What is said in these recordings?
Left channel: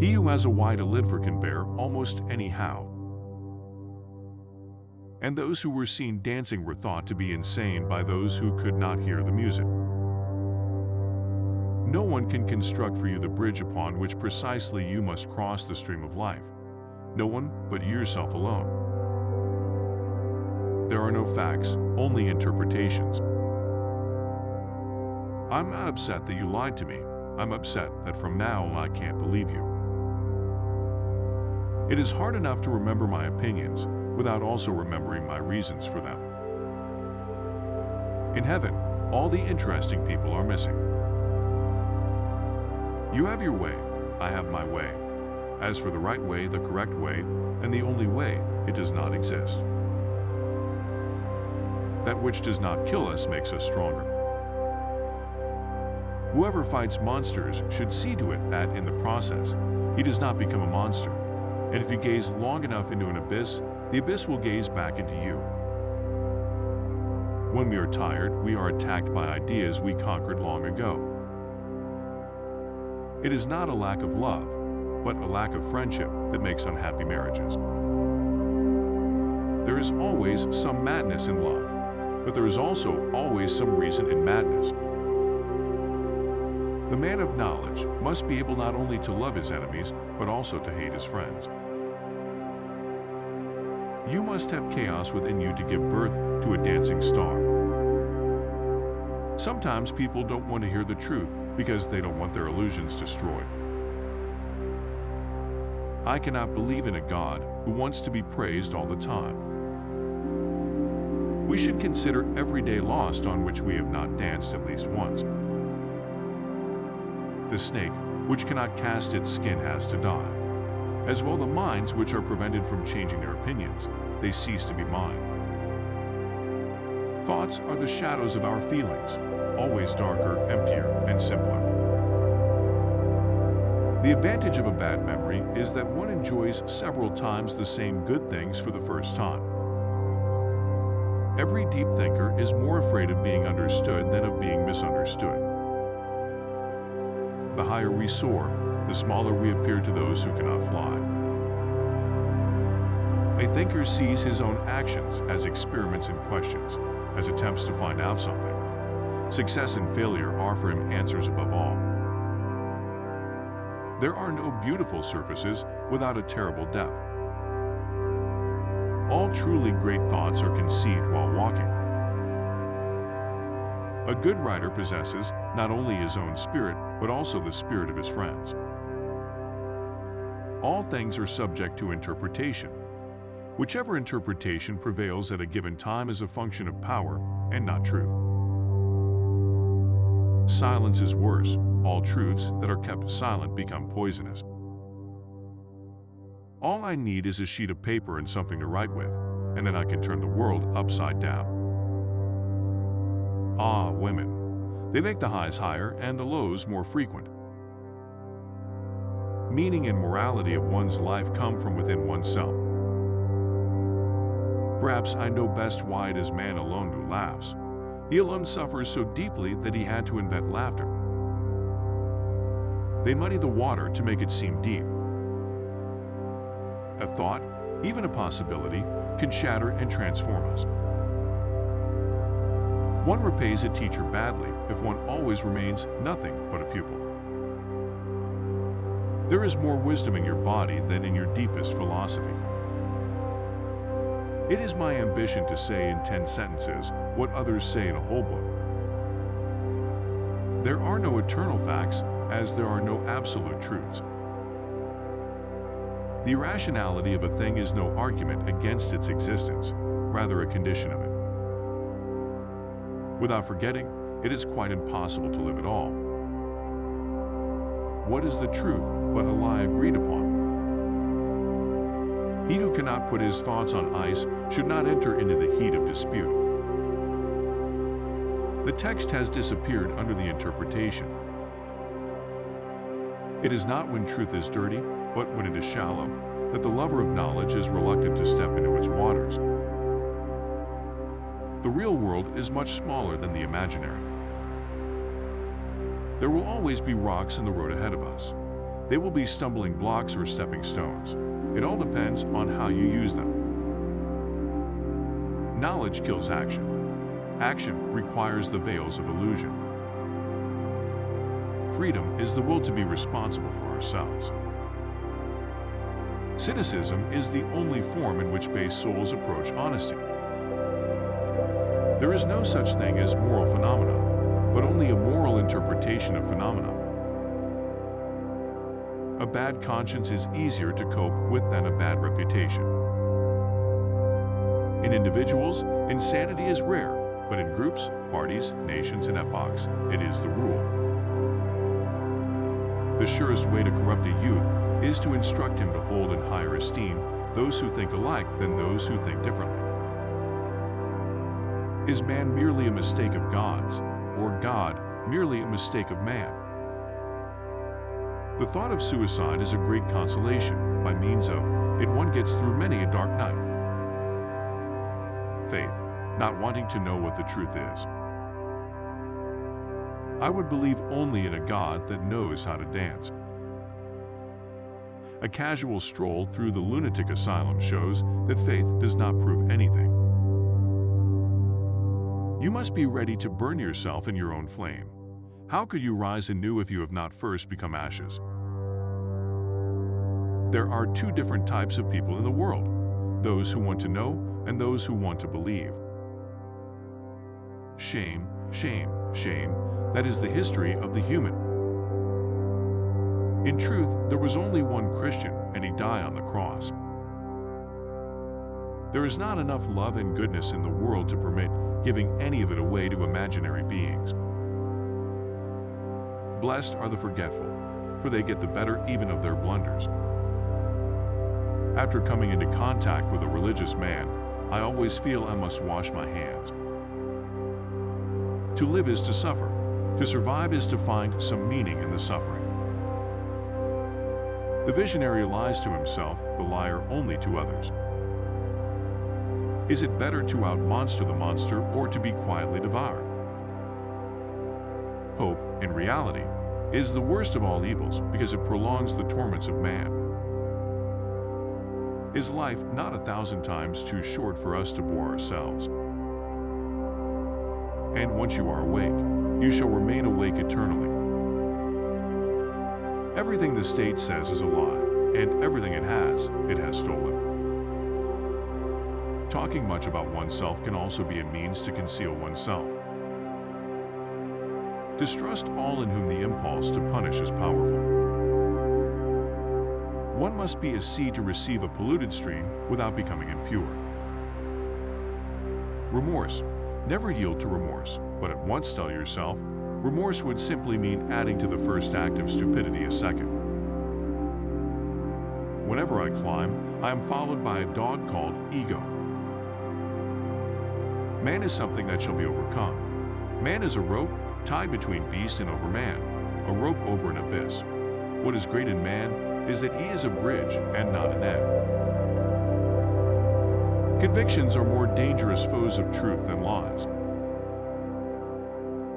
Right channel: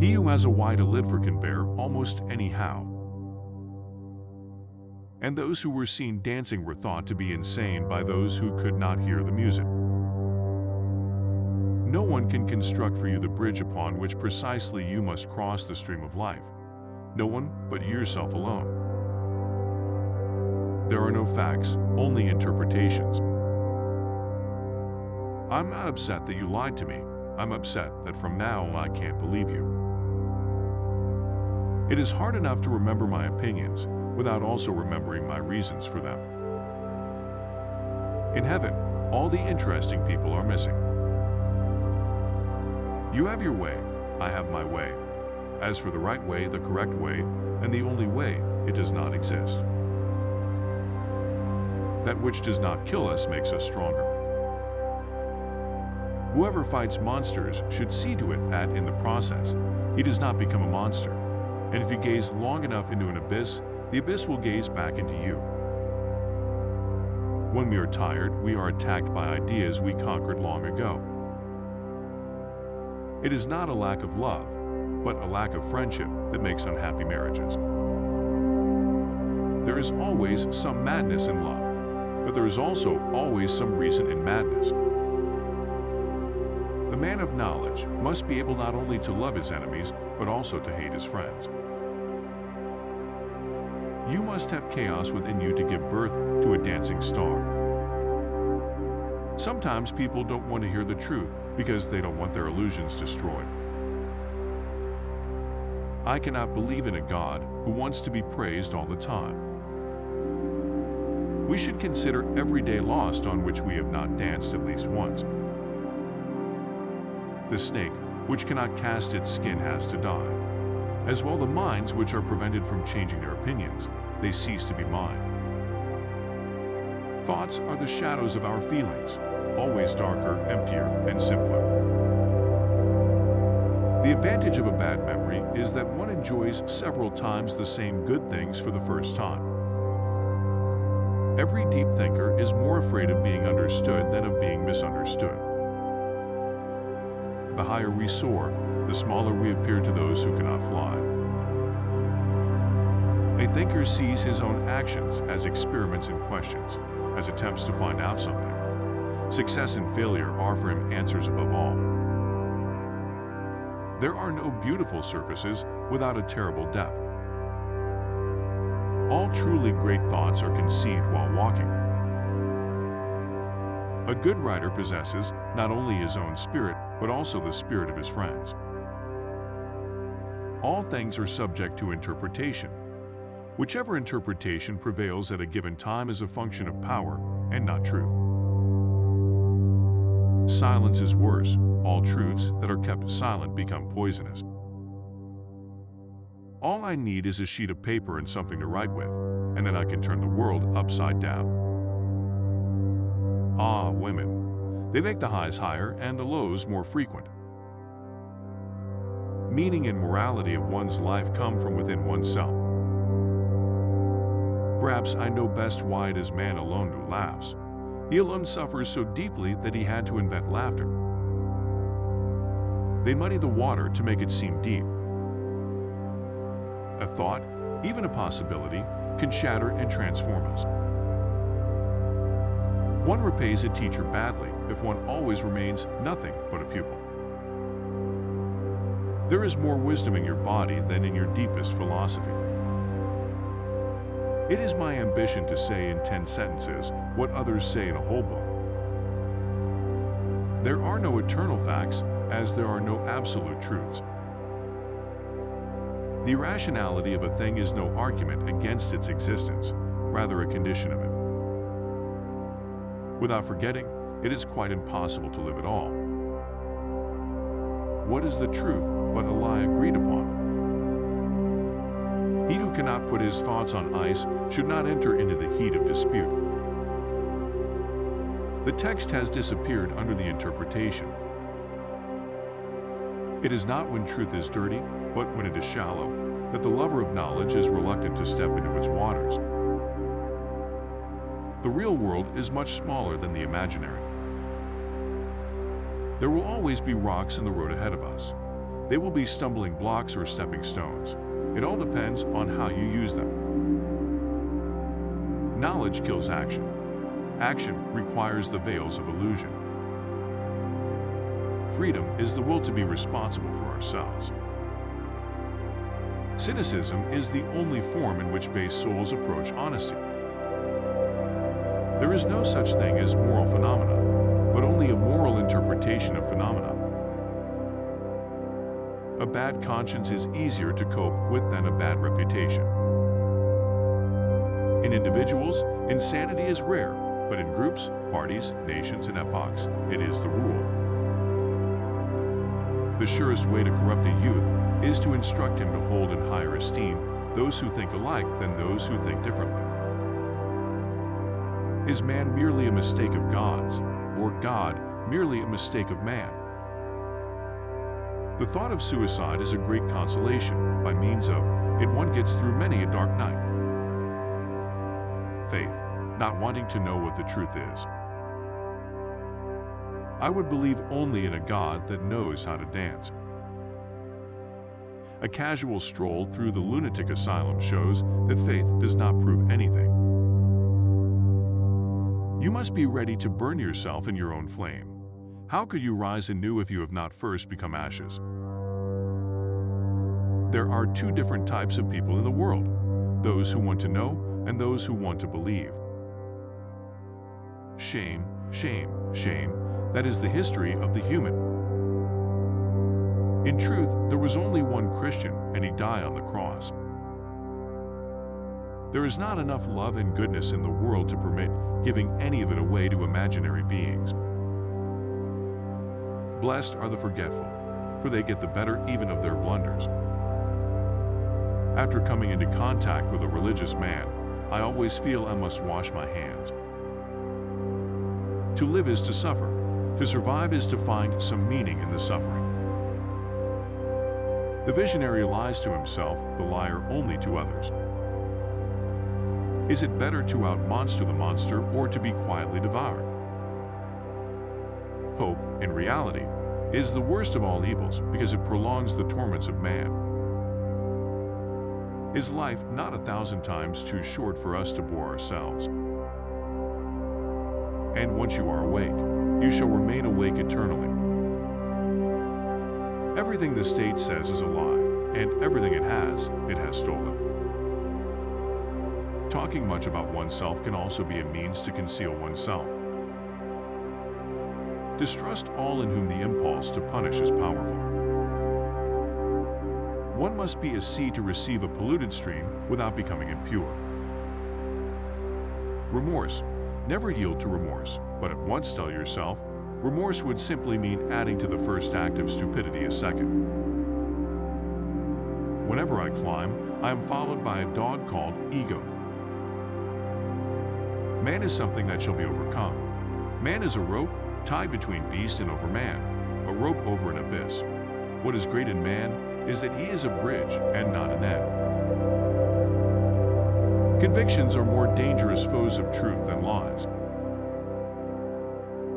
He who has a wide liver can bear almost any how. And those who were seen dancing were thought to be insane by those who could not hear the music. No one can construct for you the bridge upon which precisely you must cross the stream of life. No one but yourself alone. There are no facts, only interpretations. I'm not upset that you lied to me. I'm upset that from now on I can't believe you. It is hard enough to remember my opinions without also remembering my reasons for them. In heaven, all the interesting people are missing. You have your way, I have my way. As for the right way, the correct way, and the only way, it does not exist. That which does not kill us makes us stronger. Whoever fights monsters should see to it that, in the process, he does not become a monster. And if you gaze long enough into an abyss, the abyss will gaze back into you. When we are tired, we are attacked by ideas we conquered long ago. It is not a lack of love, but a lack of friendship that makes unhappy marriages. There is always some madness in love, but there is also always some reason in madness. The man of knowledge must be able not only to love his enemies, but also to hate his friends. You must have chaos within you to give birth to a dancing star. Sometimes people don't want to hear the truth because they don't want their illusions destroyed. I cannot believe in a God who wants to be praised all the time. We should consider every day lost on which we have not danced at least once. The snake, which cannot cast its skin, has to die. As well, the minds which are prevented from changing their opinions, they cease to be mine. Thoughts are the shadows of our feelings, always darker, emptier, and simpler. The advantage of a bad memory is that one enjoys several times the same good things for the first time. Every deep thinker is more afraid of being understood than of being misunderstood. The higher we soar, the smaller we appear to those who cannot fly. A thinker sees his own actions as experiments and questions, as attempts to find out something. Success and failure are for him answers above all. There are no beautiful surfaces without a terrible depth. All truly great thoughts are conceived while walking. A good writer possesses not only his own spirit, but also the spirit of his friends. All things are subject to interpretation. Whichever interpretation prevails at a given time is a function of power and not truth. Silence is worse. All truths that are kept silent become poisonous. All I need is a sheet of paper and something to write with, and then I can turn the world upside down. Ah, women. They make the highs higher and the lows more frequent. Meaning and morality of one's life come from within oneself. Perhaps I know best why it is man alone who laughs. He alone suffers so deeply that he had to invent laughter. They muddy the water to make it seem deep. A thought, even a possibility, can shatter and transform us. One repays a teacher badly if one always remains nothing but a pupil. There is more wisdom in your body than in your deepest philosophy. It is my ambition to say in 10 sentences what others say in a whole book. There are no eternal facts, as there are no absolute truths. The irrationality of a thing is no argument against its existence, rather a condition of it. Without forgetting, it is quite impossible to live at all. What is the truth but a lie agreed upon? He who cannot put his thoughts on ice should not enter into the heat of dispute. The text has disappeared under the interpretation. It is not when truth is dirty, but when it is shallow, that the lover of knowledge is reluctant to step into its waters. The real world is much smaller than the imaginary. There will always be rocks in the road ahead of us. They will be stumbling blocks or stepping stones. It all depends on how you use them. Knowledge kills action. Action requires the veils of illusion. Freedom is the will to be responsible for ourselves. Cynicism is the only form in which base souls approach honesty. There is no such thing as moral phenomena, but only a moral interpretation of phenomena. A bad conscience is easier to cope with than a bad reputation. In individuals, insanity is rare, but in groups, parties, nations, and epochs, it is the rule. The surest way to corrupt a youth is to instruct him to hold in higher esteem those who think alike than those who think differently. Is man merely a mistake of God's, or God merely a mistake of man? The thought of suicide is a great consolation. By means of it, one gets through many a dark night. Faith, not wanting to know what the truth is. I would believe only in a God that knows how to dance. A casual stroll through the lunatic asylum shows that faith does not prove anything. You must be ready to burn yourself in your own flame. How could you rise anew if you have not first become ashes? There are two different types of people in the world, those who want to know and those who want to believe. Shame, shame, shame, that is the history of the human. In truth, there was only one Christian, and he died on the cross. There is not enough love and goodness in the world to permit giving any of it away to imaginary beings. Blessed are the forgetful, for they get the better even of their blunders. After coming into contact with a religious man, I always feel I must wash my hands. To live is to suffer. To survive is to find some meaning in the suffering. The visionary lies to himself, the liar only to others. Is it better to out-monster the monster or to be quietly devoured? Hope, in reality, is the worst of all evils because it prolongs the torments of man. Is life not 1,000 times too short for us to bore ourselves? And once you are awake, you shall remain awake eternally. Everything the state says is a lie, and everything it has stolen. Talking much about oneself can also be a means to conceal oneself. Distrust all in whom the impulse to punish is powerful. One must be a sea to receive a polluted stream without becoming impure. Remorse. Never yield to remorse, but at once tell yourself, remorse would simply mean adding to the first act of stupidity a second. Whenever I climb, I am followed by a dog called ego. Man is something that shall be overcome. Man is a rope tied between beast and over man, a rope over an abyss. What is great in man is that he is a bridge and not an end. Convictions are more dangerous foes of truth than lies.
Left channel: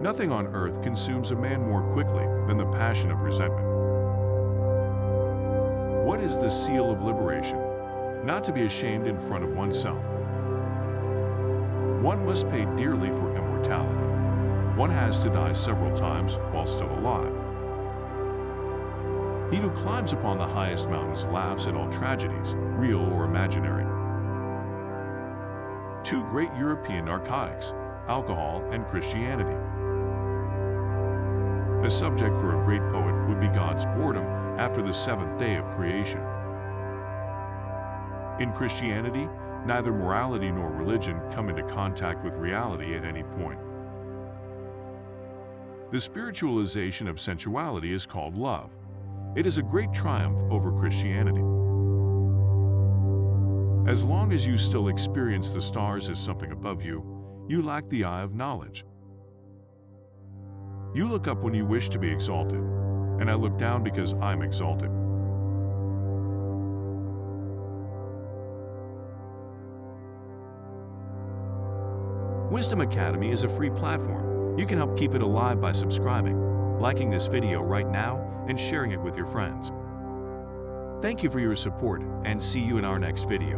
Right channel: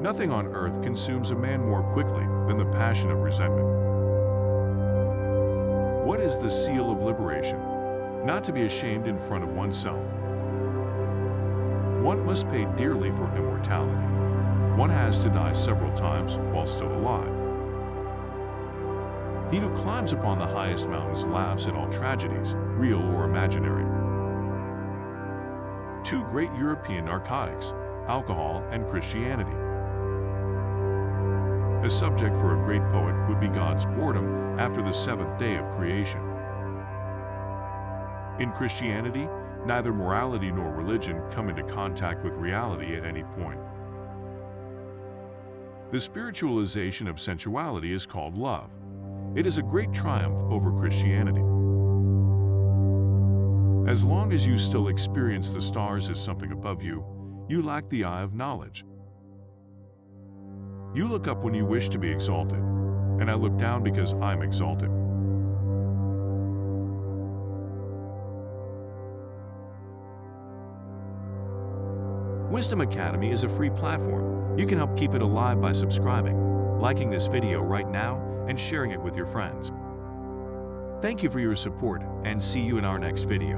Nothing on earth consumes a man more quickly than the passion of resentment. What is the seal of liberation? Not to be ashamed in front of oneself. One must pay dearly for immortality. One has to die several times while still alive. He who climbs upon the highest mountains laughs at all tragedies, real or imaginary. Two great European narcotics, alcohol and Christianity. A subject for a great poet would be God's boredom after the seventh day of creation. In Christianity, neither morality nor religion come into contact with reality at any point. The spiritualization of sensuality is called love. It is a great triumph over Christianity. As long as you still experience the stars as something above you, you lack the eye of knowledge. You look up when you wish to be exalted, and I look down because I'm exalted. Wisdom Academy is a free platform. You can help keep it alive by subscribing, liking this video right now and sharing it with your friends. Thank you for your support and see you in our next video.